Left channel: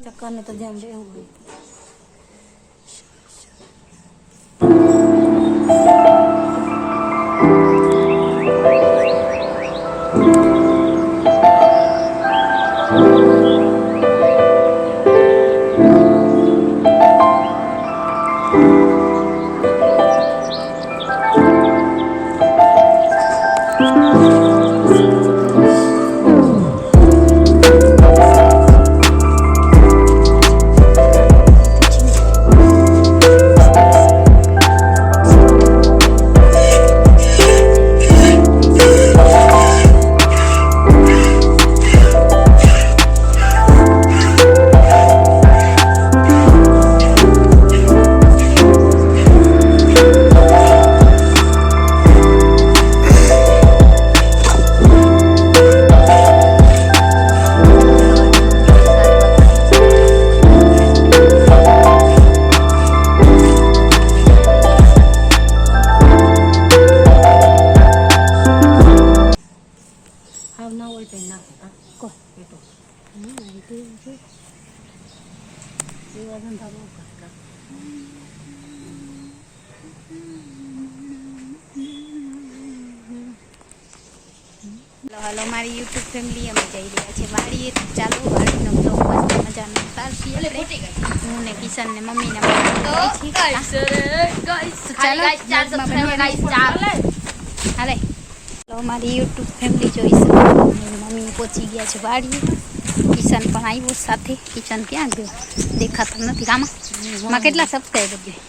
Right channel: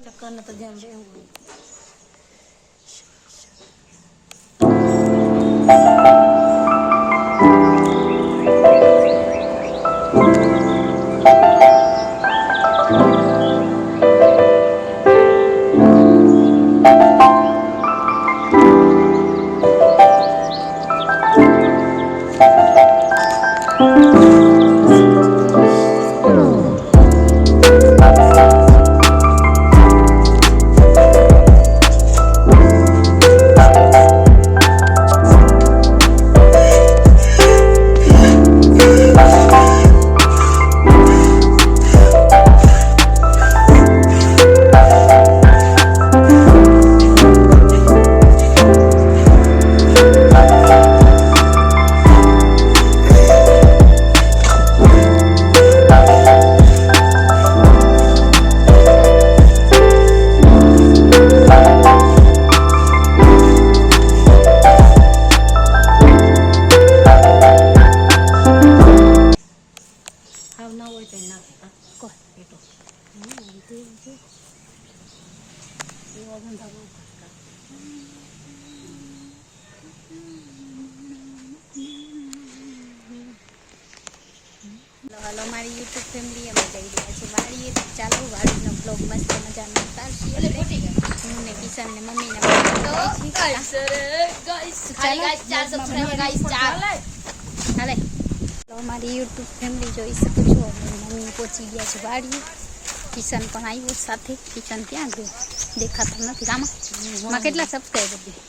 ચક્કરનું તો ધ્યાન રહેવું હાવ હું યુટ્યુબ ફેમિલી જોઈ મમ્મી પહોંચી ગયા છે વાડી કિશન પણ આવ્યો સાથે કિશન ક્યાં ગયો દેખાતો નથી રામા કેટલા સબસ્ક્રાઈબર ગયો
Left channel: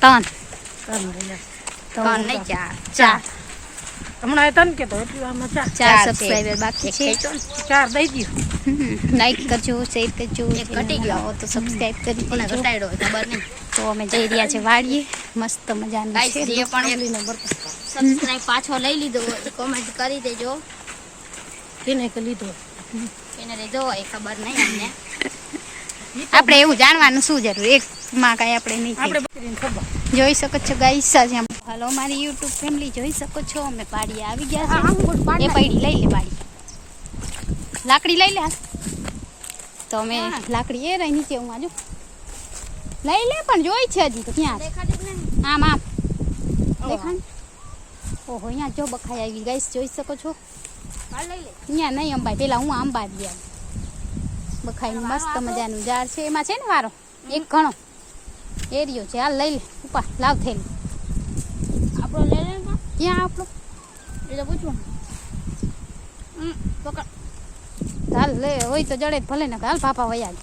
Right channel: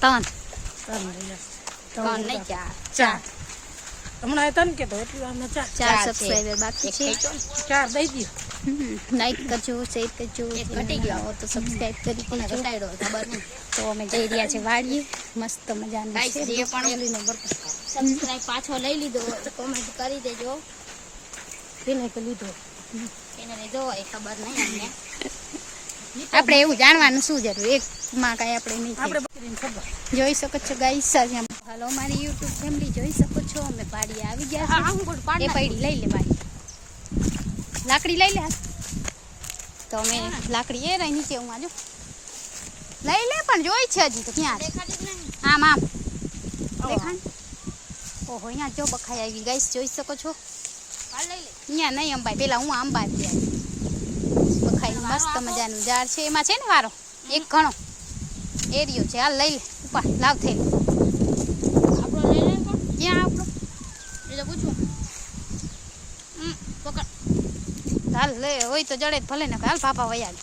ત્રણ. ત્રણ ચાર ચાર. હમણાં હતા ને કે તો એટલું આમાં ચાર ચાર સબસ્ક્રાઈબર બાકી છે. ચાર દઈ દો લાઈક કરજો શેર કરજો ઘટી ગયો. તો સબસ્ક્રાઇબ કરી દેજો. ખબર નહીં. તો અમે જઈ રહ્યા છે વાડીએ. મસ્ત મજાનું છે. એલીનો બરકત કરો. સબસ્ક્રાઇબ પાછો લઈ લીધો હોય કોમેન્ટ કરી દેજો. એને કે લીધો? એને લીધો હોય ખબર નહીં અમને. આપણે એવું જાણવાનું શું જરૂર? એક માં કાંઈ આપણે નહીં આપણે થઈ બકરીને ખબર. જોઈ શકો છો ગાઈસ આજે હલો મારી યુટ્યુબ ફેમિલી જોઈ શકો છો અમે પાડી આવી ગયા છે એ પાડી લઈ લે પાડી. લાકડી લઈ લે તો અમે લાકડી એ રહી નીચે હું આજુ. લઈ લે પણ જોઈ છે હજી તો ક્યાં આમ આમ. દેખાણ ઓહો અહીંયા જો બખાઈ આવી ગાઈસ જોઈ શકો છો. અહીંયા નહીં અંબાઈ પેલા હું આંબા ગયા બખાઈ મસ્ત મજાનું ઝાડ છે. એમાં છે ને વારો? એક ઘણો. એરિયો છે. હાલ લઈ લે. ઉપા લાવ થઈ આપણો લઈ લે ક્યાં આપણો એ તો પૂછવું પકડ હાલ લે હોય તો જડે ભલે ને હાલ પાપા વયા.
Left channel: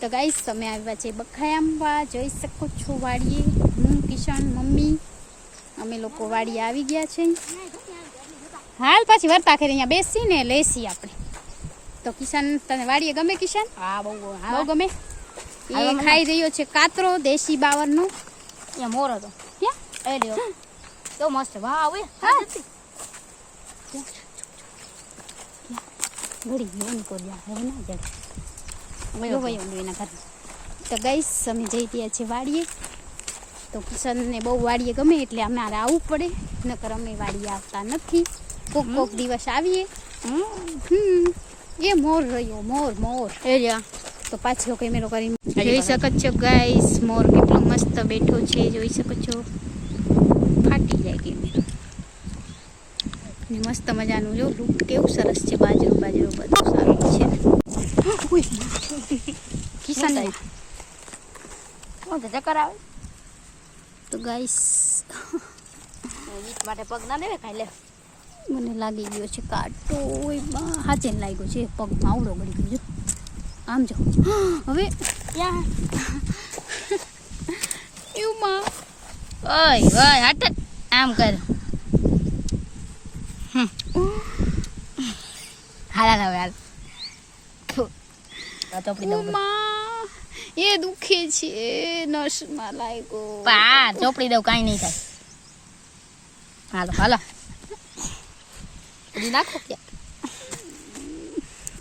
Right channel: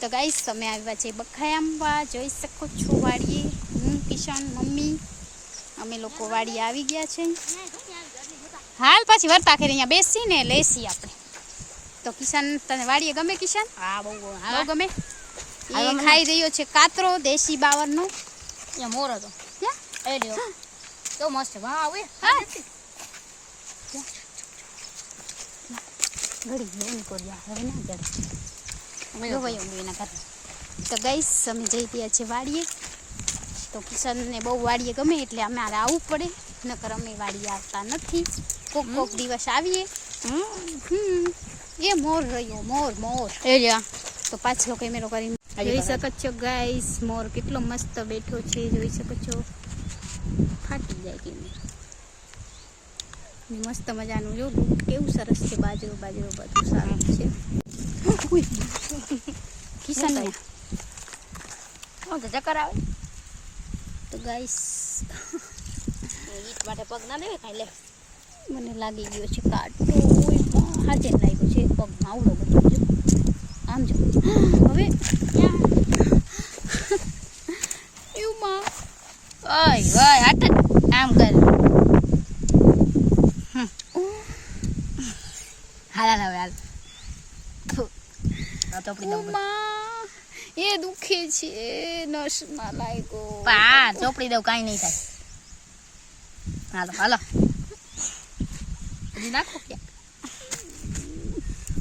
તો ગાઈશ તમે આવ્યા છે બખાઈ આંબા જોઈ શકો છો વાડીએ હું કિશન મમ્મી અમે લોકો વાડીએ આવી ગયા છે હાલ પાછી વર્તા કરી અહીંયા બેસી ને લેસી આપણે તો કિશન તને વાડીએ ગમે કિશન હા બહુ બહુ ગમે એ ખાઈ રહ્યો છે કાતરો દેશી બાવરનો અહીંયા મોર હતો. ક્યાં? એ તો મસ્ત. વાહ આવે હા. ઘડી ગયો ને કોડિયા હવે ના જડે ગયો એના તો ગઈશ અમે જઈ રહ્યા છીએ વાડીએ. તો કિશનને બહુ વાડીએ ગમે એટલે અમારે આવવું પડે. નકર અમે વાડીએ આવતા નથી. કોક કોક દિવસ આવીએ. હમ. એ મોર રહ્યો મોર મોર. એ લ્યો તો પાછલો કેમેરો કરીને જોઈ શકો છો ગાઈસ મોર કેટલો મસ્ત બેઠો છે જોઈ શકો છો. ફાટી જાય કેમેરો ને મસ્ત મજાનું જો લુક કેવું સરસ છે બાજરો બાજરો બધું સારું છે. કિશન હું તો ચક્કર આવે. તો ગાઈસ ઈટ માટે પગ ના દેવે કાંઈ લે. મને લાગી ગયો છે કાંટો ઓય હાચે લાગ્યો છે પગમાં આવડો બધો છે. આમ જો. હવે એવું માં? ઓય ઓય હટ આમ કર. હાલ હાલ હવે હાલ. એ દુખે છે નસમાં લાગ્યો. પા ચોપડી દઉં કાંઈ નહીં થાય. હાલો હાલો. નાખો ત્યાં.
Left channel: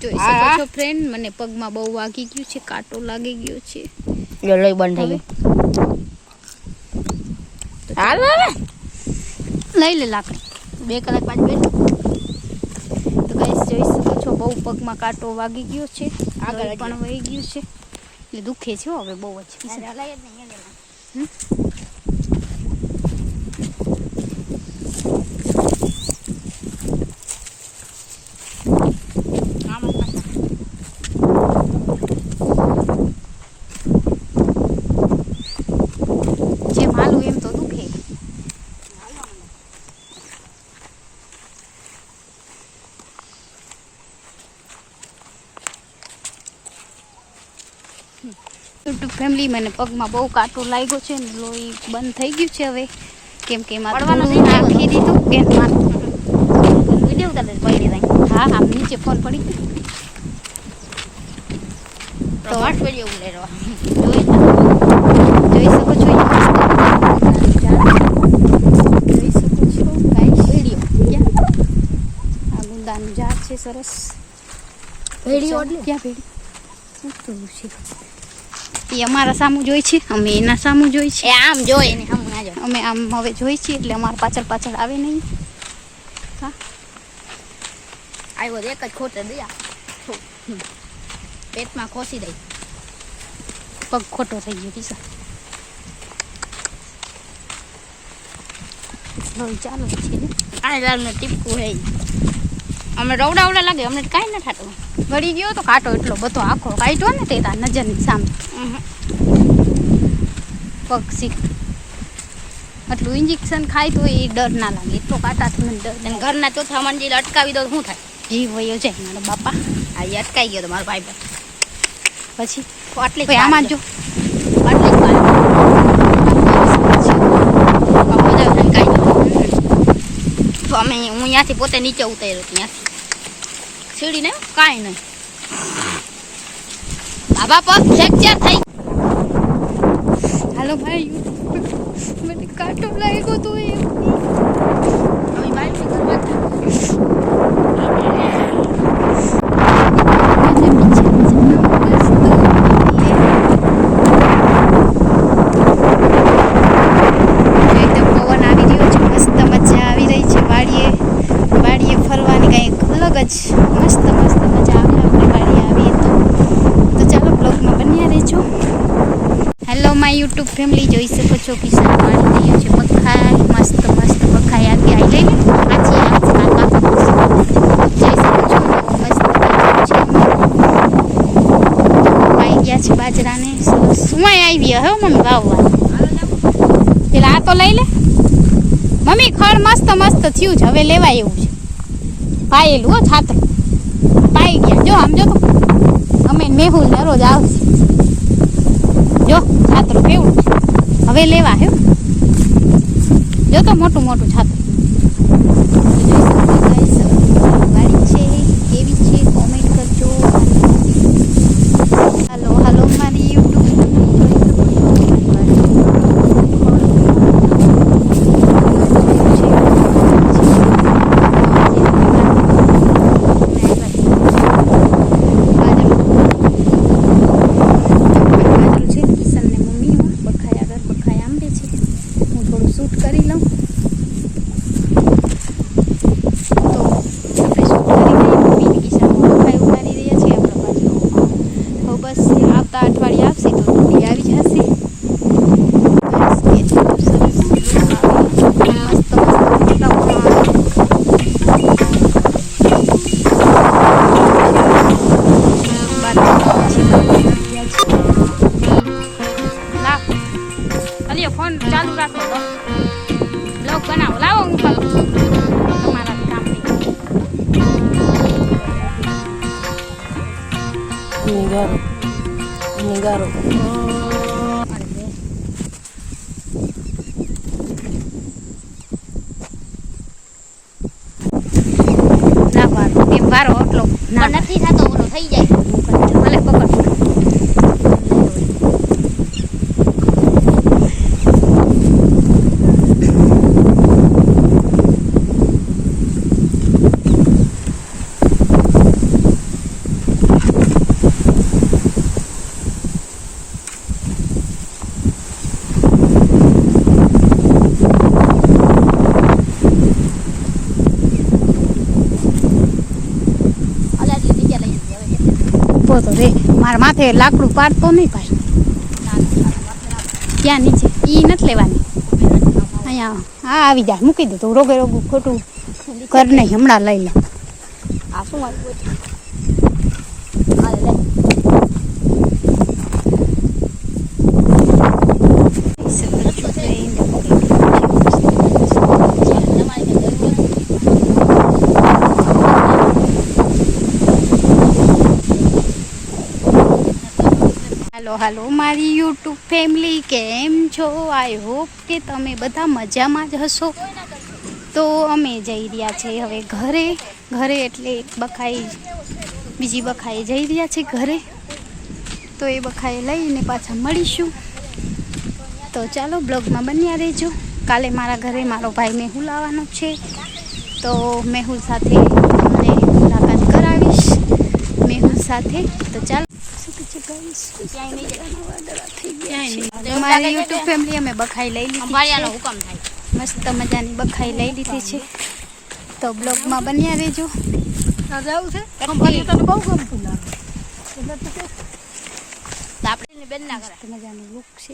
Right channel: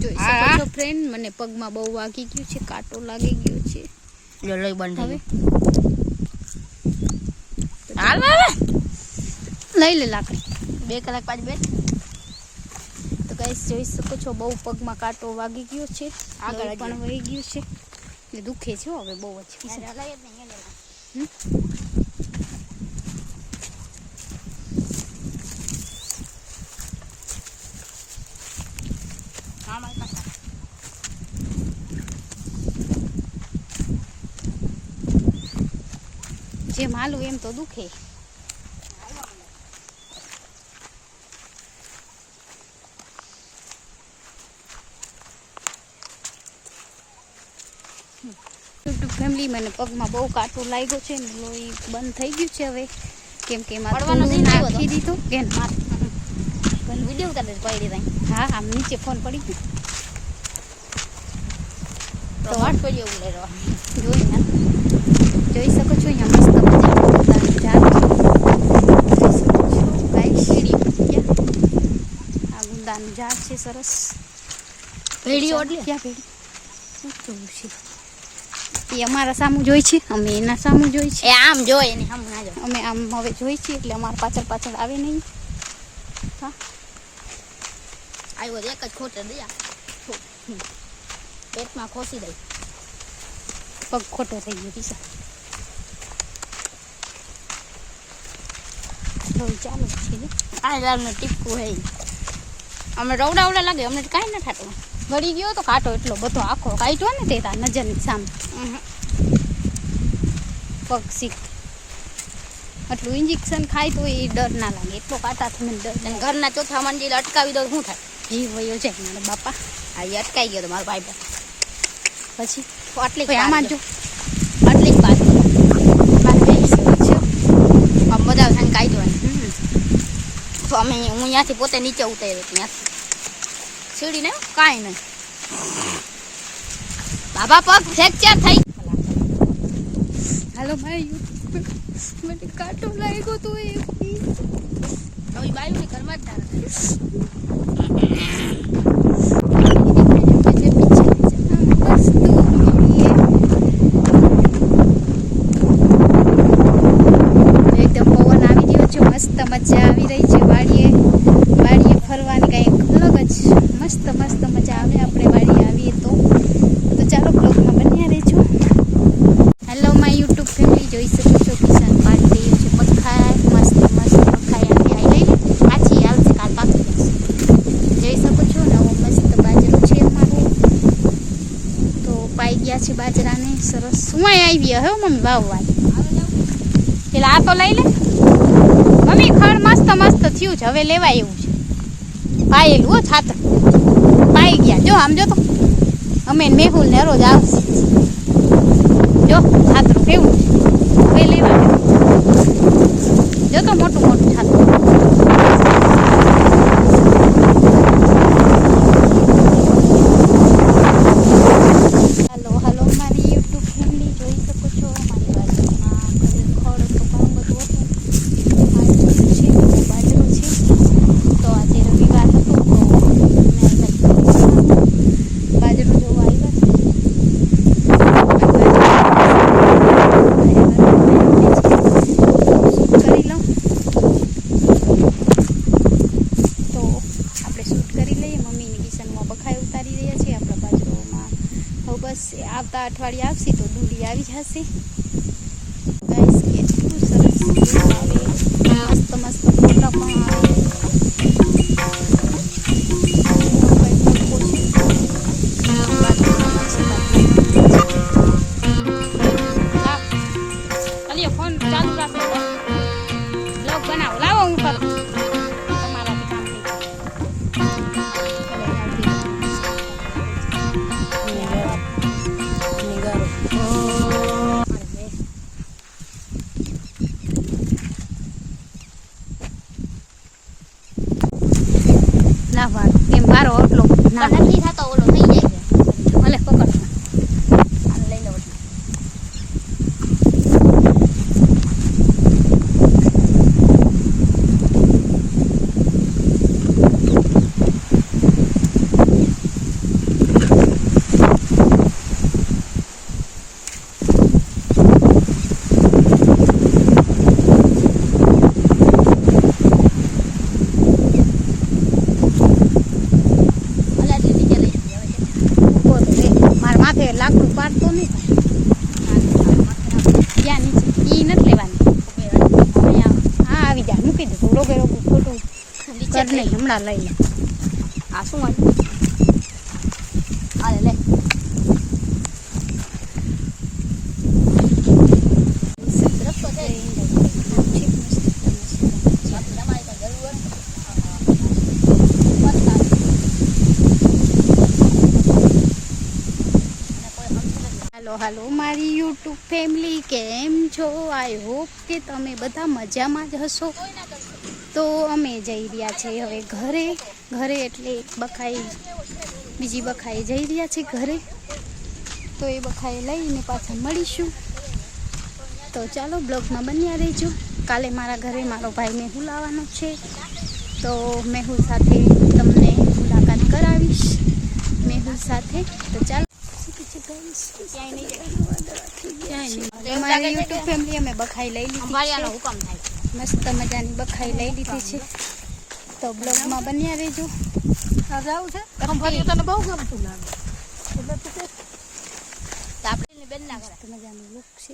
જોઈ શકો છો ફ્રેન્ડ મને પગમાં બહુ વાગી ગયું છે કાંટો લાગી ગયો છે. લો બંધ થઈ ગયું. લઈ લે લાકડી. બે કલાક બાદ બે તો ગાઈસ જોઈ શકો છો બહુ પગમાં કાંટો વાગી ગયો છે. આગળ પણ વહી ગયું છે. એટલે દુખે છે હવે બહુ જ યાર, હલાય જ નહીં, યાર. આમ જ પાછા. જેમ હાલું એમ તો દુખે યુટ્યુબ ફેમિલી મને પગમાં બહુ કાંટો લાગ્યો છે ને લોહી બંધ થઈ ગયું છે હવે. કેમ કે એમાં પડવાનું થોડું નહીં નાખી દીધું. બેન માર પણ વીડિયો ઉતારે છે પડી જાય. હા આમ નીચે ફોન પડી ગયો. તો વાટ પડી એવું લઈ રહ્યો જોઈ જોઈ શકો છો અહીંયા મસ્ત. ગુંદાનું ઝાડ જોઈ શકો છો. ગાય શેરી ક્યાં આ ગુંદાનું ઝાડ છે સરસ. ભેળીઓ ચાલો, એટલે? ક્યાં ભેડી શું જોયું છે? એ અમારા સામું જોઈ છે અમે એના સામું જોઈ છે. આમ જોઈ ને અમે આમ હવે જોઈ છીએ એટલે અમારા પાછળ પાછળ આવે નહીં. હા. આવ્યો એક જ ખોટે દયા પેટમાં ખોસી દઈ પગ ખોટો થઈ ગયો પીસા ચાલો છે ને. આ લાગને ટીપકું હે. અમે રવડા લાગે અમને કાંઈ ન થાતું ગળી ગયો તો કાંટો એટલો બધો આખો કાઢ્યો ને તે નજરની સામે. શીખ આટલું ઇન્જેક્શન ખાય તો એ ડર ના લાગે. એટલો કાંટાથી મને ડર અને ઘરના ચોથા મંજિલ અટકાવી દો શું થાય? જીવ વયો જાય મારા બાપા. આ અટકાઈ ગયો તો મારો ભાઈ પછી આટલી આમાં જો છે. થઈને તો અમે હું ત્યાંથી પોતે નીચે ઉતાર્યો ત્યાંથી સીડી ને કાંઈ નહીં. ધાબા પગ ફ્રેક્ચર થઈ. હાલો ભાઈ મને કાંટો લાગ્યો તો એ. એકદમ પવન આવી રહ્યો છે મસ્ત મજા આવી રહી છે વાડીએ. વાડીએ ફરવાની કંઈક અલગ જ મસ્ત મસ્ત મજા આવે આપણે તો. ચાલો બ્લોગમાં હેલો માય યુટ્યુબ ફેમિલી જોઈ શકો છો કિસાન વાળી રહ્યો છે. મખાઈ, મસ્ત મસ્ત મખાઈ આવી. આવી લઈ લે પાછી પાછો શકો છો મસ્ત ગયા છે બાજરાને. સરસ. સુવાય આવી? હવે મમ્મી વાવવા. પેલા આ તો લઈ લે. મમ્મી ખડ મસ્ત મસ્ત થયું છે. હવે લેવાય એવું છે. પાયેલું હો છાત્ર પાઈ ગયા. જો, આમ જો તો. અમે મેહુલ ને રોજ આવશે જો, છાતરું કેવું છે? હવે લેવા જો તો મોટું મોટું છાતરું. વારો એટલો ના નથી માથે લાકડું પાડતો નહીં ભાઈ ત્યાં નીચે. એ નથી લેવાની. અહીંયા હા, આવી જા મૂકી દે. તું રોગે રોગું ખોટું કર નહીં. હમણાં લઈ લે. આ શું હાલો હાલો, મારી યુટ્યુબ ફેમિલી, કેમ છો? આઈ હોપ કે તમે બધા મજામાં જ હશો. તો અમે જઈ રહ્યા છે હવે ઘરે. ઘરે એટલે એક બખાઈ, બીજી બખાએ જઈ રહ્યા છે ઘરે. તો એ બખાએ લઈને પાછા મળીશું. તો ચાલો, બ્લોગમાં બન્યા રહેજો. કાલે મારા ઘરે મારો ભાઈ મેહુલ આવવાનો છે. તો મેહુલ સાથે તમને મુલાકાત કરાવીશ. મેહુલ સાથે. તો ચાલો. અમારી યુટ્યુબ ફેમિલી અમે બખાઈ લઈ લીધી છે. મસ્ત મજાની બખાઈ લઈ લીધી છે. તો બ્લોગમાં બન્યા રહેજો. મજાનું લુક છે.